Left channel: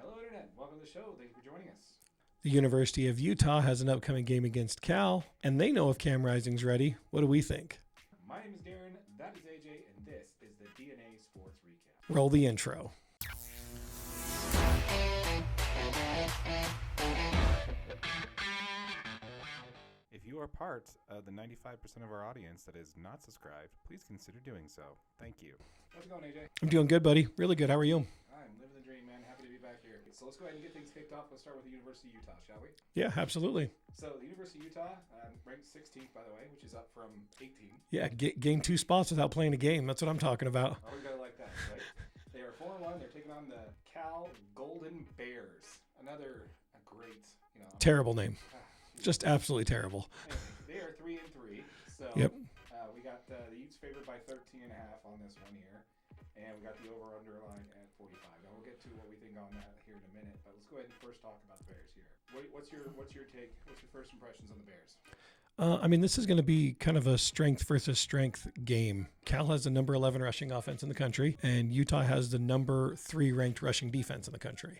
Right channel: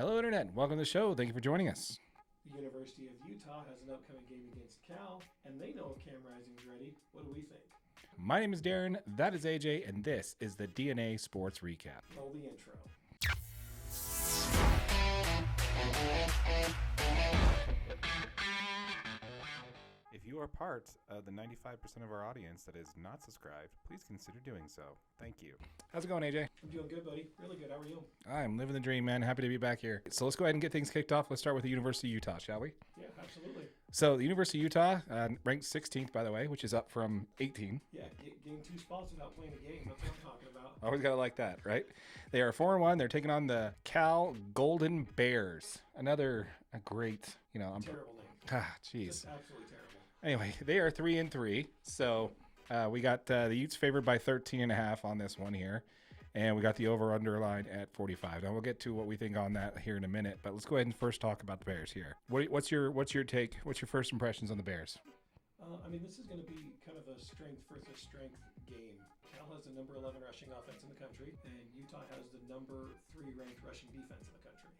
Hello, Internet. Welcome to the show. Thank you for joining us. The University of Utah has an upcoming game against Cal, and they know if Cam Rising's ready. What do we think? My name is Darren, that is AJ, and this is the DNA Sports Recap. Roll the intro. If you are part of the 95% of our audience that is not subscribed, please consider doing so. Thank you. How's it going, AJ? I'm doing good, buddy. Really good. How are you? I'm living the dream, man. Happy to be back here. So let's go ahead and get things kicked off. Let's start with the University of Utah, shall we? Yeah, absolutely. So the University of Utah ranked 16th, by the way, which is up from 18. Yeah, gained 2 spots without playing a game. That's what I'm talking about. Always got to like that, right? They are 4-1. They're taking on the Cal Golden Bears. Another great, Terrible name. Geez. Just absolutely terrible. Anyway, they are 3-3. So we got the Utes favored by 13.5 on this one here. And we got the over-under line at 45. Now we'll get to what we think on that here in a minute, but let's go ahead and first talk about the Bears here. What's your take? What's your first impressions on the Bears? This is going to be kind of a strength versus strength game. Cal has the number 11 rushing offense in the country, and Utah has the number 3 ranked rushing defense in the country.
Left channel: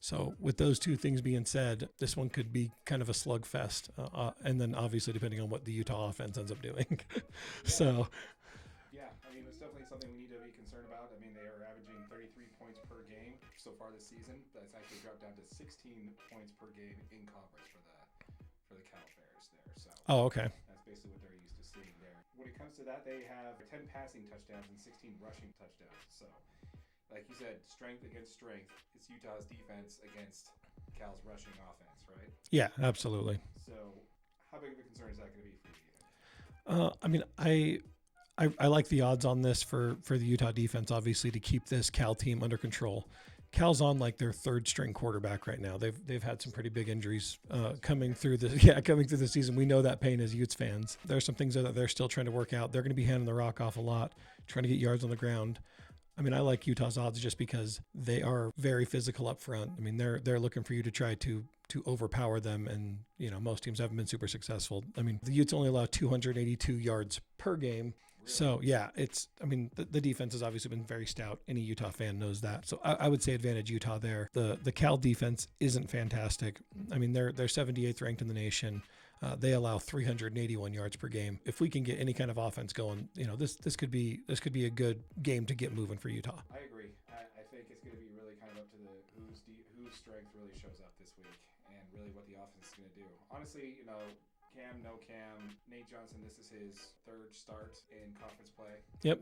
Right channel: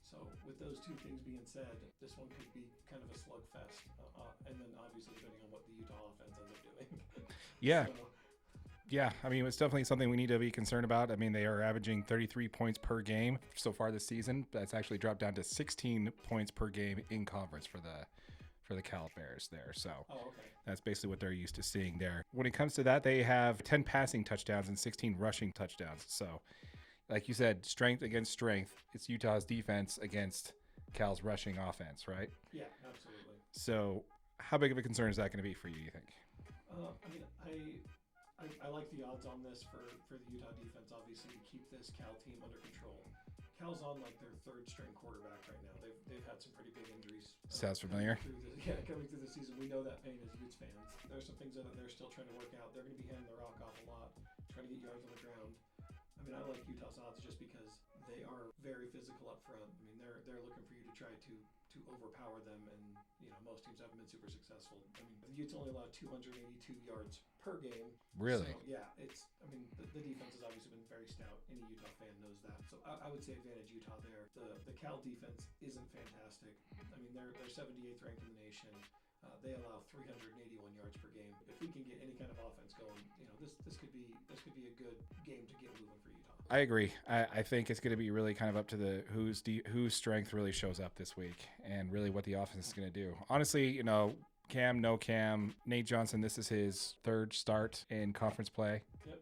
So with those two things being said, this one could be kind of a slugfest. And then obviously depending on what the Utah offense ends up doing. Yeah. So, yeah, it's definitely something we need to be concerned about. They are averaging 33 points per game so far this season. That's actually dropped down to 16 points per game in conference for the Cal Bears there. So okay. That's basically what they're used to seeing there. When it comes to that, they have 10 passing touchdowns and 16 rushing touchdowns. So like you said, strength against strength. It's Utah's defense against Cal's rushing offense, right? Yeah, absolutely. So how big of a concern is that going to be for you think? I like the odds on this for the Utah defense, obviously, to keep this Cal team under control. Cal's on like their third string quarterback right now. They've had some pretty big injuries coming through the season. We know that pain as Utes fans. There are some things that they're still trying to work out. They're going to be handing the rock off a lot, trying to get yards on the ground. I like Utah's odds just because they are very physical up front. They're looking for you to try to overpower them, and most teams haven't been super successful. The Utes only allow 282 yards per game. Really? So yeah, the defense has obviously been very stout. Any Utah fan knows that. So I would say advantage Utah there. The Cal defense isn't fantastic. They're 78th ranked in the nation. They allow 381 yards per game. If we can get any kind of offense going, this could be a good game to get moving for Utah. I agree. I think it's going to be really kind of up to the whose strength really shows up this week, and really what the offense is going to do. Honestly, Cam, no Cam, Nate Johnson, this is his third start in conference play. Yep.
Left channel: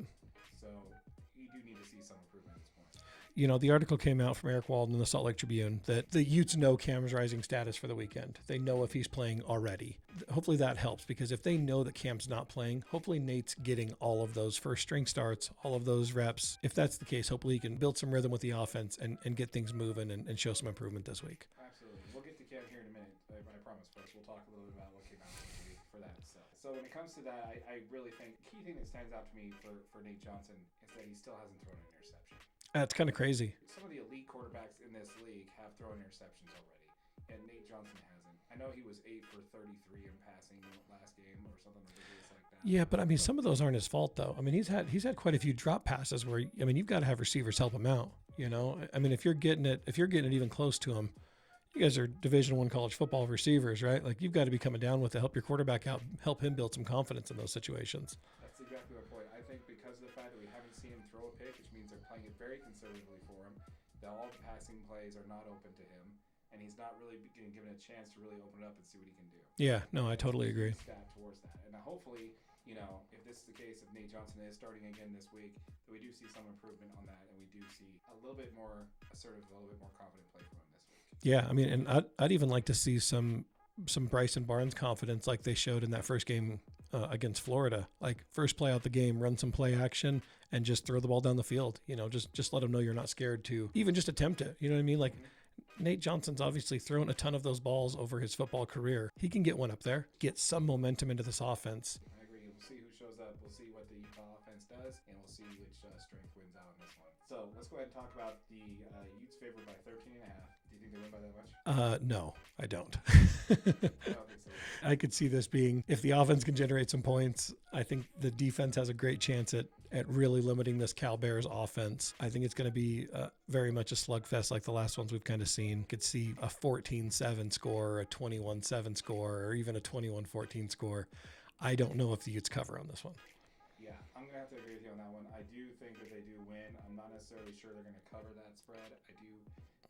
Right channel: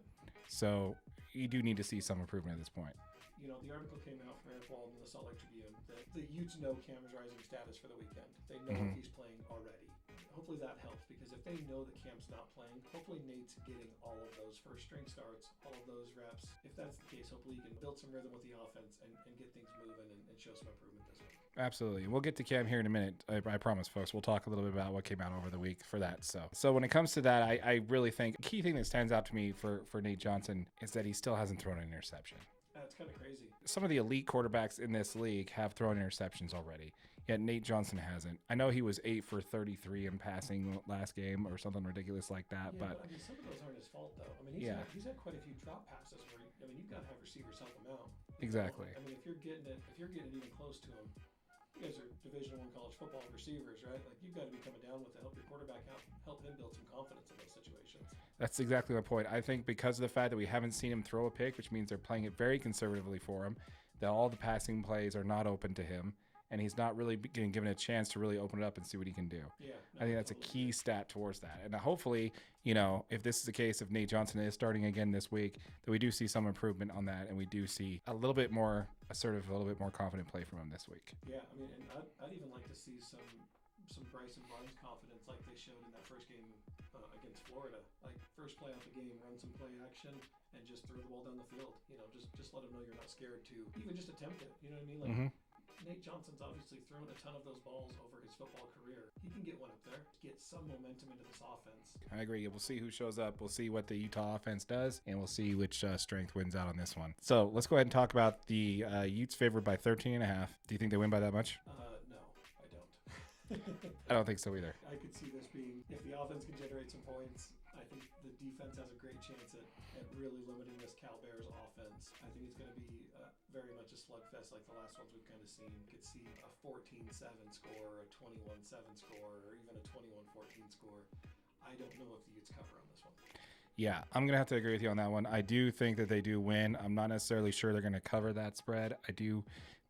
So you do need to see some improvement at this point. The article came out from Eric Walden in the Salt Lake Tribune that the Utes know Cam's rising status for the weekend. They know if he's playing already. Hopefully that helps, because if they know that Cam's not playing, hopefully Nate's getting all of those first string starts, all of those reps. If that's the case, hopefully he can build some rhythm with the offense and get things moving and show some improvement this week. Absolutely. We'll get to Cam here in a minute. I promise, folks. We'll talk a little bit about what came out over the week for that. So when it comes to that, I really think the key thing that stands out to me for Nate Johnson is that he still hasn't thrown an interception. That's kind of crazy. Some of the elite quarterbacks in this league have thrown interceptions already, yet Nate Johnson hasn't. I know he was 8 for 33 in passing last game or something ridiculous like that. Yeah, but some of those aren't his fault though. He's had quite a few drop passes where you've got to have receivers help him out. Exactly. If you're getting it even close to him, you guys are Division I college football receivers, right? You've got to be coming down with to help your quarterback out, help him build some confidence in those situations. That's exactly my point. I think because of the fact that we haven't seen him throw a pick, which means they're playing it very conservatively for him, that all the passing plays are not open to him, and he's not really getting given a chance to really open it up and see what he can do. Yeah, no, I totally agree. agree. Stat towards that, and hopefully, if this is the case, if Nate Johnson is starting again this week, that we do see some improvement on that, and we do see a little bit more assertive, a little bit more confident play from him this week. Yeah, and I'd even like to see some Bryson Barnes confidence like they showed in that first game against Florida. First play out the game, run some play action and just throw the ball down the field. Just let them know you're not scared to even just attempt it. You know what I mean? Nate Johnson's obviously thrown a ton of those balls over his football career. He can get one up there, get some momentum into this offense. I agree. We'll see who shows up. We'll see what the Utah offense does, and we'll see which strength wins out on this one. So let's go ahead and talk about the Utes favored by 13.5. Do you think they win by that much? No, I don't. I don't think so either. I could see this being, if the offense can generate some points, I think the defense has a great chance at really limiting this Cal Bears offense. I think it's going to be very much a slugfest like the last ones we've kind of seen. Could see a 14-7 score, a 21-7 score, or even a 21-14 score. I don't know if the Utes cover on this one. Yeah, I'm going to have to agree with you on that one. I do think that they do win. I'm not necessarily sure they're going to cover that spread. I do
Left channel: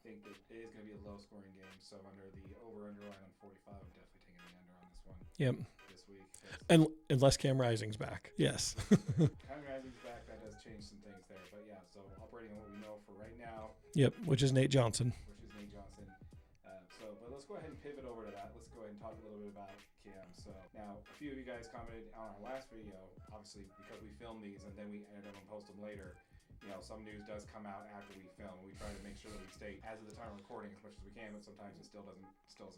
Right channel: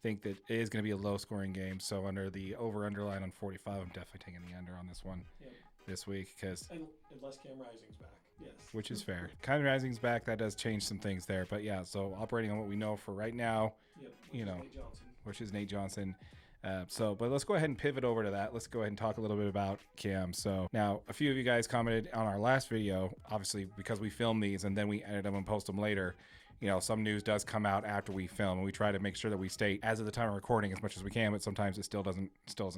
think that it is going to be a low-scoring game. So under the over-under line on 45, I'm definitely taking the under on this one. Yep. This week, unless Cam Rising's back. Yes. Which is fair. Cam Rising's back. That does change some things there. But yeah, so operating on what we know for right now. Yep, which is Nate Johnson. But let's go ahead and pivot over to that. Let's go ahead and talk a little bit about Cam. So now a few of you guys commented on our last video, obviously because we filmed these and then we edit them and post them later. You know, some news does come out after we film, and we try to make sure that we stay as of the time of recording as much as we can, but sometimes it still doesn't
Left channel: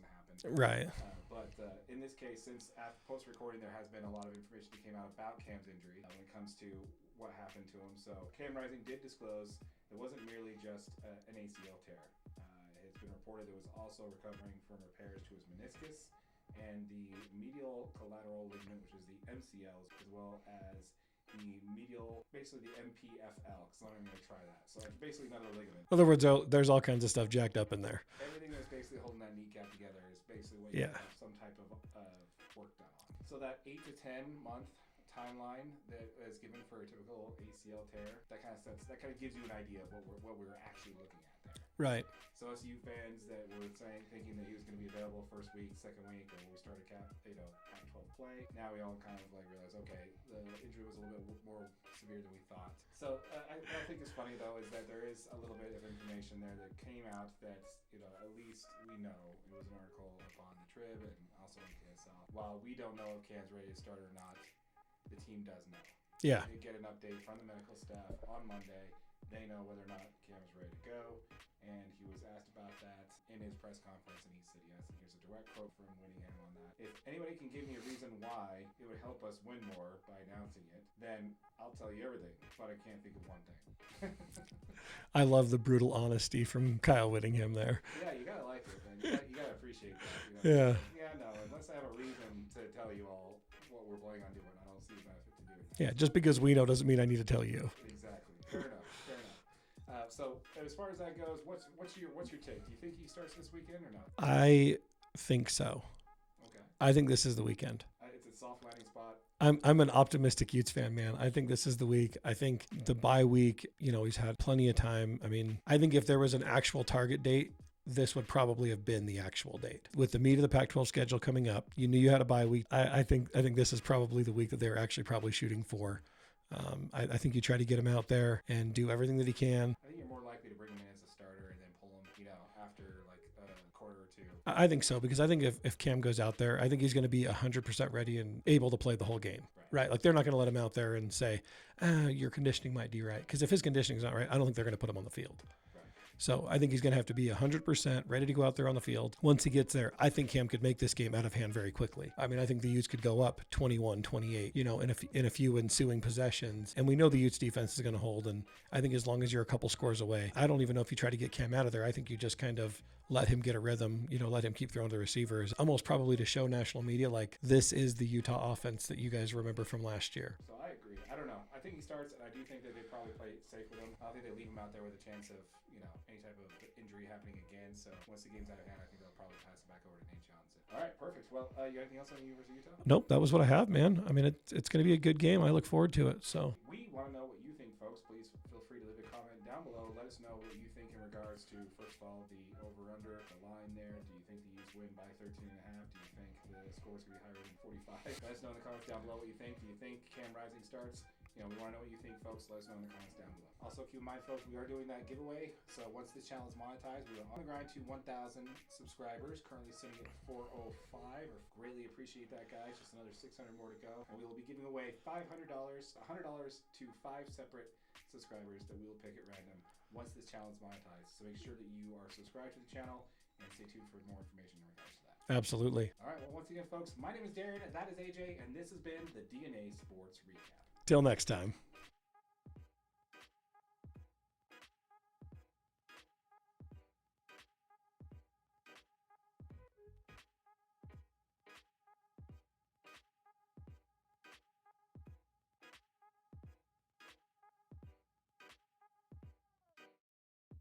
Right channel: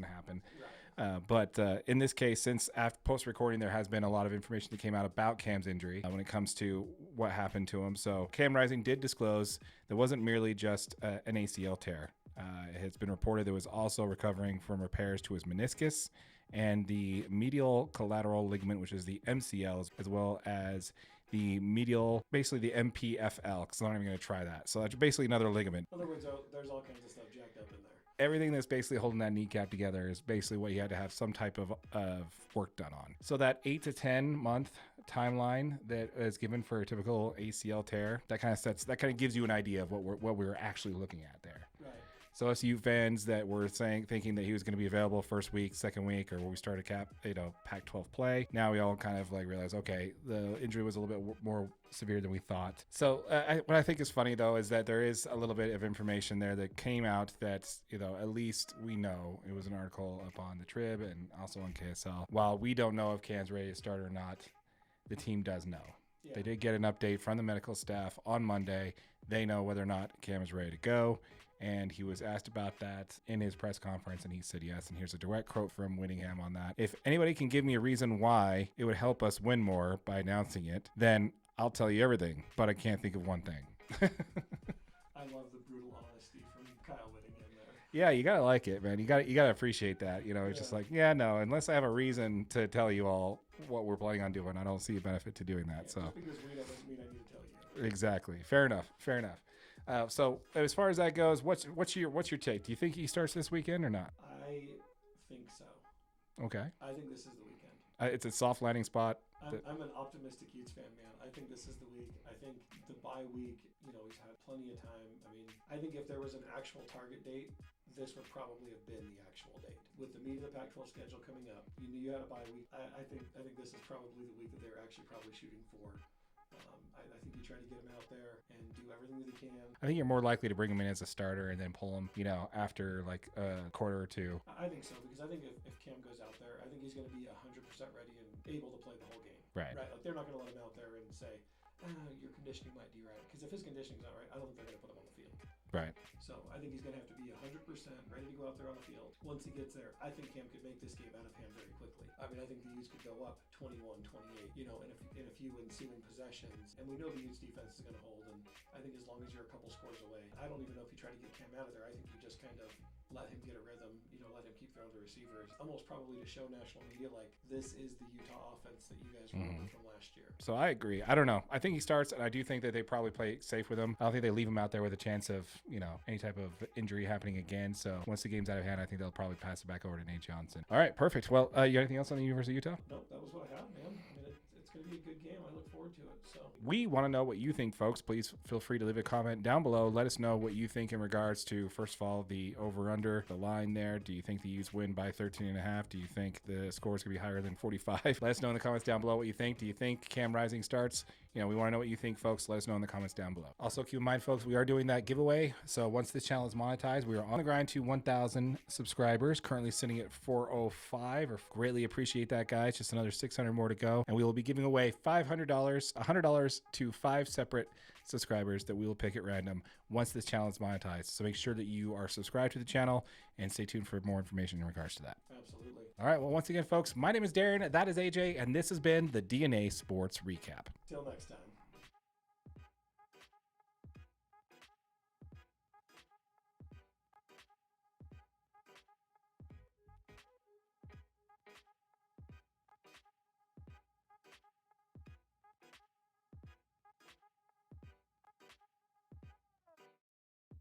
happen. Right. But in this case, since after post-recording, there has been a lot of information that came out about Cam's injury when it comes to what happened to him. So Cam Rising did disclose that wasn't merely just an ACL tear. It has been reported that was also recovering from repairs to his meniscus and the medial collateral ligament, which is the MCL, as well as the medial, basically the MPFL, because I'm not even going to try that. So that's basically another ligament. In other words, there's all kinds of stuff jacked up in there. Everything that's basically holding that kneecap together is basically what you had to have some type of work done on. So that 8 to 10 month timeline that is given for a typical ACL tear, that kind of gives you an idea of what we're actually looking at there. Right. So us Ute fans that were thinking that he was going to be available first week, second week, or when we started Pac-12 play, now we all kind of like realize, okay, the injury was a little bit more severe than we thought. So what I think is funny though is that there is a little bit of information there that came out that, at least we know. It was an article up on the Trib and also on KSL. While we don't know if Cam's ready to start or not, the team does know. Yeah. They did get an update from the medical staff on Monday. They know whether or not Cam is ready to go. And he was asked about that in his press conference, and he said yes. And here's a direct quote from Whittingham on that. If anybody can give me a reason why it would help us win more by announcing it, then I'll tell you everything. But I can't think of one thing. I love the brutal honesty from Kyle Whittingham there. Yeah, you gotta like it, man. You gotta appreciate that. It's just like, no, unless I have a reason to tell you all what we're planning on doing, I don't see a benefit to doing that. Yeah, so. Just because we know doesn't mean I need to tell you. Exactly. Fair enough. So as far as that goes, what's your take? Do you think he starts this weekend or not? I think so. Okay. I think this is the weekend. It's a soft landing spot. I'm an optimistic Utes fan, man. I think this is the week. I think the bye week, he's had plenty of time. I mean, I think if there was an actual target date, this would probably have been the actual date. With the meat of the Pac-12 schedule coming up, you knew you had a bye week. I think this is probably the week that they're actually probably shooting for. I think you try to get him out there and do everything that he can. I think you're more likely to bring him in as a starter and then pull him, after like a quarter or two. I think so, because I think if Cam goes out there, I think he's going to be 100% ready and able to play the whole game. Right. Like they're not going to let him out there and say, your conditioning might be right. Because if his conditioning's not right, I don't think they're going to put him on the field. Right. So I think he's going to have to be 100% ready to go out there on the field. Once he gets there, I think Cam could make this game out of hand very quickly. I mean, I think the Utes could go up 21-28, in a few ensuing possessions. And we know the Utes defense is going to hold. And I think as long as you're a couple scores away, I don't even know if you try to get Cam out of there. I think you just kind of let him get a rhythm, let him keep throwing to the receivers, almost probably to show national media like this is the Utah offense that you guys remember from last year. So I agree. I don't know. I think he starts, and I do think that they probably play safe with him. I don't think they leave him out there with a chance of, any type of injury happening again. So once the game's out of hand, I think they'll probably pass it back over to Nate Johnson. All right, perfect. Well, you got anything else on the University of Utah? Nope, that was what I have, man. I mean, it's going to be a good game. I look forward to it. So we want to know what you think, folks. Please feel free to leave a comment down below. Let us know what you think in regards to, first of all, the over-under, the line there. Do you think the Utes win by 13.5? Do you think the score is going to be higher than 45? Let us know in the comments down below what you think. Do you think Cam Rising starts? We want to know what you think, folks. Let us know in the comments down below. Also, keep in mind, folks, we are doing that giveaway. So once this channel is monetized, we are on the grind to 1,000 subscribers. Currently sitting at 405. Greatly appreciate that, guys. Just another 600 more to go. And we will be giving away $500, $100 to 5 separate subscribers that we will pick at random once this channel is monetized. So make sure that you are subscribed to the channel and stay tuned for more information in regards to that. Absolutely. All right. Well, once again, folks, my name is Darren. That is AJ. And this has been the DNA Sports Recap. Till next time.